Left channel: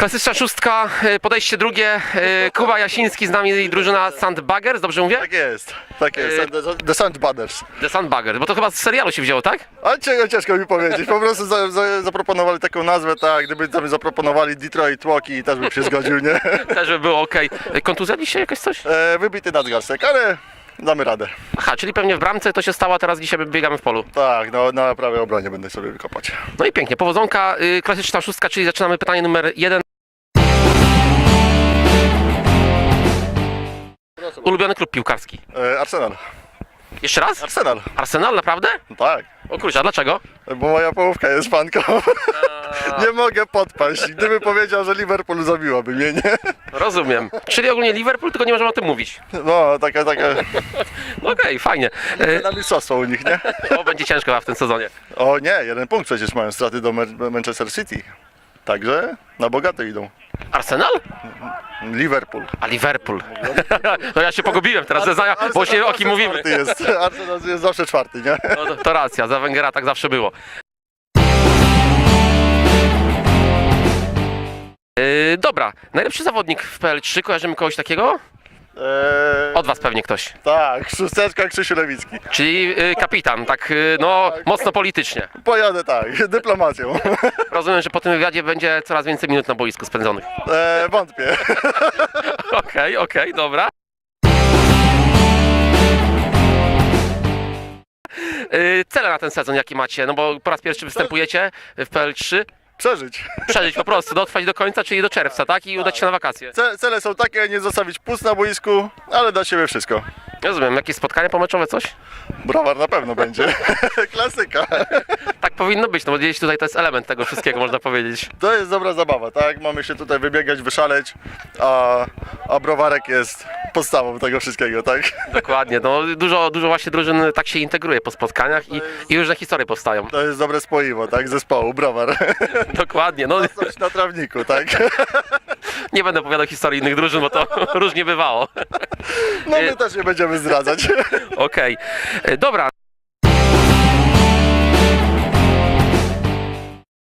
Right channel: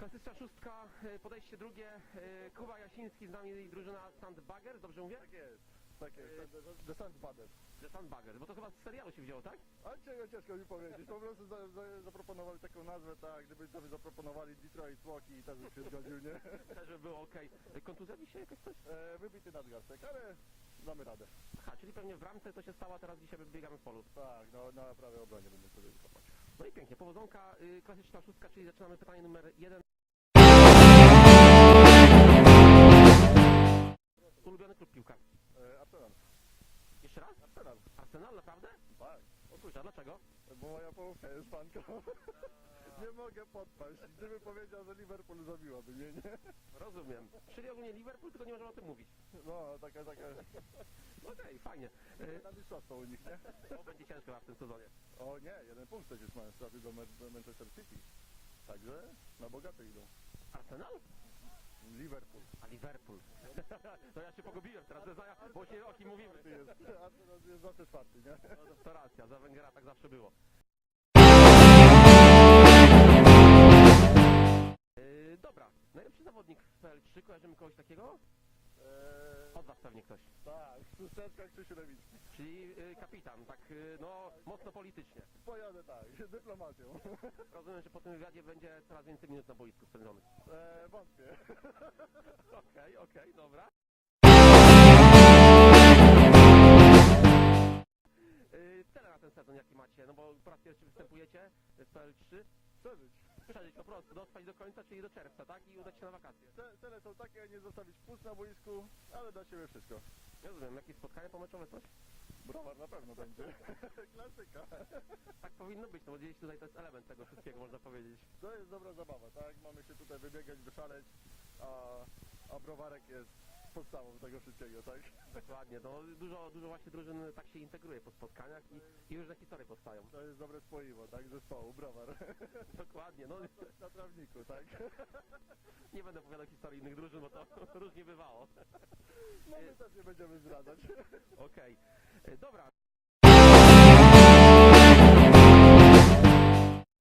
Klasyczna szóstka, e, podejście drugie. e, Kuba Jasiński z nami i drużyna Sandbaggers, dobrze mówię? Tak jest, tak jest. Y- The, the Sandbaggers. The Sandbaggers, bo to chyba z serialu się wzięło, tak? Ale ciężko, ciężko mi powiedzieć. Po prostu za, za, zaproponowali taką nazwę, tak. Gdyby tam zaproponowali Detroit Walkie, też bym się zgodził, nie? Też by było ok. Kontuzja dzisiaj jakaś coś? E, wybity nadgarstek, ale damy radę. Aha, czyli pewnie w bramce to się stało, a teraz dzisiaj biegamy w polu. Tak, no, na prawej obronie będę sobie wykopać. No i pięknie, powodzonka, y, klasyczna szóstka, czyli zaczynamy pytanie numer jeden. Ulubiony klub piłkarski. E, Arsenal. Jeszcze raz? Arsenal, Arsenal, naprawdę? tak. O kurczę, a dlaczego? Bo moja połówka jest fanką. nie mogę podpaść. Gdyby powiedział, że Liverpool zabiłaby mnie, nie? Rozumiem. Czyli ogólnie Liverpool, tylko nie możemy o tym mówić. No, taka, taka. No Okej, fajnie. Y, Na mistrzostwo u nich, nie? O, będzie ciężko chyba w tym sezonie. O nie, jeden punkt przecież mają straty do Ma- Manchester City. Także na bogato idą. Arsenal? Liverpool. A Liverpool. No ja się pogubiłem teraz, zeznania, bo się o kim mówimy. Czwarty jest. Arsenal jest zawsze czwarty, nie? No, to, to racja, za Węgera tak zawsze było. Yy, dobra, najlepszy zawodnik w PL3, kojarzymy kogoś takiego? Eee, Od was pewnie ktoś. tak, szósteczka Krzysiu Lewicki. Czyli yy, kapitan, tak yy, no mocno politycznie. Pojadę tak, dyplomacją. Rozumiem, że po tym wywiadzie będzie coraz więcej minut na boisku spędzonych. Eee, wątpię. Okej, okej, dobra. Yy, cele na ten sezon jakie macie? No bo po raz pierwszy występujecie w PL3. Przeżyć. Przeżyć po prostu, dotrwać do końca, czyli do czerwca, tak? I udać się na wakacje. Ce- cele są takie, nie zostawić pust na boisku, ale da siebie wszystko. Rozumiem, jakieś spotkania pomeczowe, coś? Browar na pewno będzie. Klasyka. Tak powinno być, no bo gdzieś tutaj to jest element tego wszystkiego, można powiedzieć. To jest dobra zabawa, tak? Mamy się tutaj wybiegać, wyszaleć, a, a browarek jest podstawą tego wszystkiego, tak? Dokładnie, no dużo, dużo właśnie drużyn tak się integruje po spotkaniach i, i różne historie powstają. To jest dobre spoiwo, tak? Zespołu, browar. Dokładnie, no Coś na trawniku, tak? nie będę opowiadał historii innych drużyn, bo to różnie bywało. No my też nie będziemy zdradzać. Okej, E, dobra.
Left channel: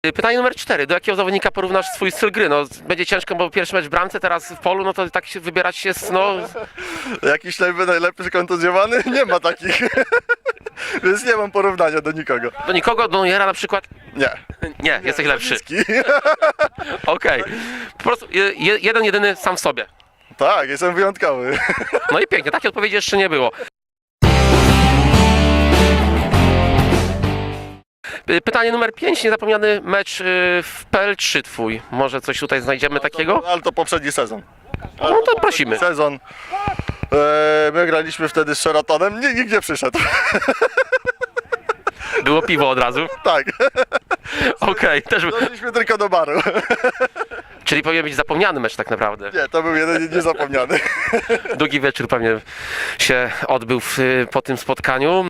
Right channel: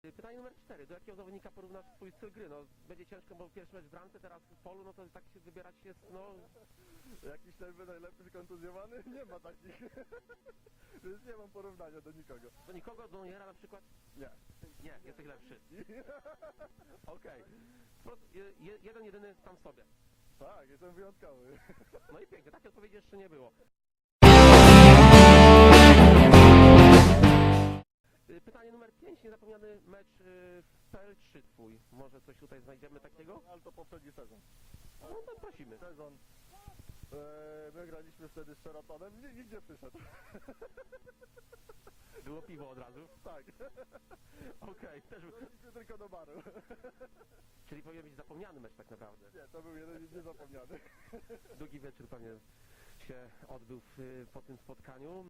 E, Pytanie numer cztery. Do jakiego zawodnika porównasz swój styl gry? No, będzie ciężko, bo pierwszy mecz w bramce, teraz w polu, no to tak się wybierać jest, no... Jakiś najlepszy, najlepszy kontuzjowany? Nie ma takich. Więc nie mam porównania do nikogo. Do nikogo, do Nojera na przykład? Nie. Nie, jesteś lepszy. Lewicki. Okej. Po prostu je, je- jeden, jedyny sam w sobie. Tak, jestem wyjątkowy. No i pięknie, takiej odpowiedzi jeszcze nie było. Y, Pytanie numer 5, niezapomniany mecz y, w PL3 twój. Może coś tutaj znajdziemy takiego? Ale to poprzedni sezon. No to prosimy. Sezon. E, my graliśmy wtedy z Sheratonem, nie, nikt nie przyszedł. Było piwo od razu. tak, Okej, też doszliśmy tylko do baru. Czyli powinien być zapomniany mecz tak naprawdę. Nie, to był jeden niezapomniany. Długi wieczór pewnie się odbył w, po tym spotkaniu.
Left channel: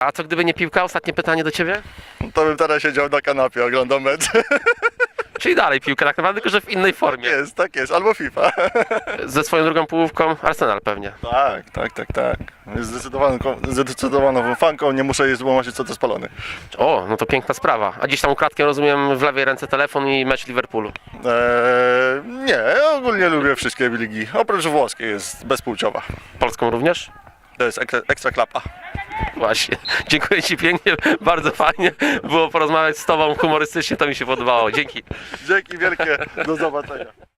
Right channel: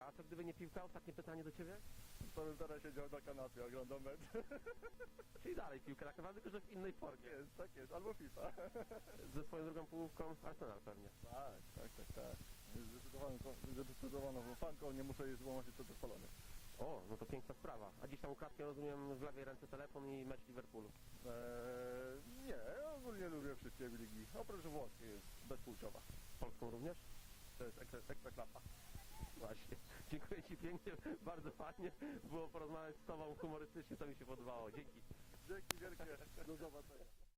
A co gdyby nie piłka? Ostatnie pytanie do ciebie. To bym teraz siedział na kanapie, oglądał mecz. Czyli dalej piłka tak naprawdę, tylko że w innej formie. Jest, tak jest, albo FIFA. Ze swoją drugą połówką Arsenal pewnie. Tak, tak, tak, tak. Jest zdecydowaną, zdecydowaną fanką, nie muszę jej złamać co to spalony. O, no to piękna sprawa. A gdzieś tam ukradkiem rozumiem w lewej ręce telefon i mecz Liverpoolu. Eee, nie, ogólnie lubię wszystkie ligi. Oprócz włoskiej jest bezpłciowa. Polską również? To jest ekstra, ekstra klapa. Właśnie. Dziękuję Ci pięknie, bardzo fajnie było porozmawiać z Tobą humorystycznie, to mi się podobało. Dzięki. Dzięki wielkie, do zobaczenia.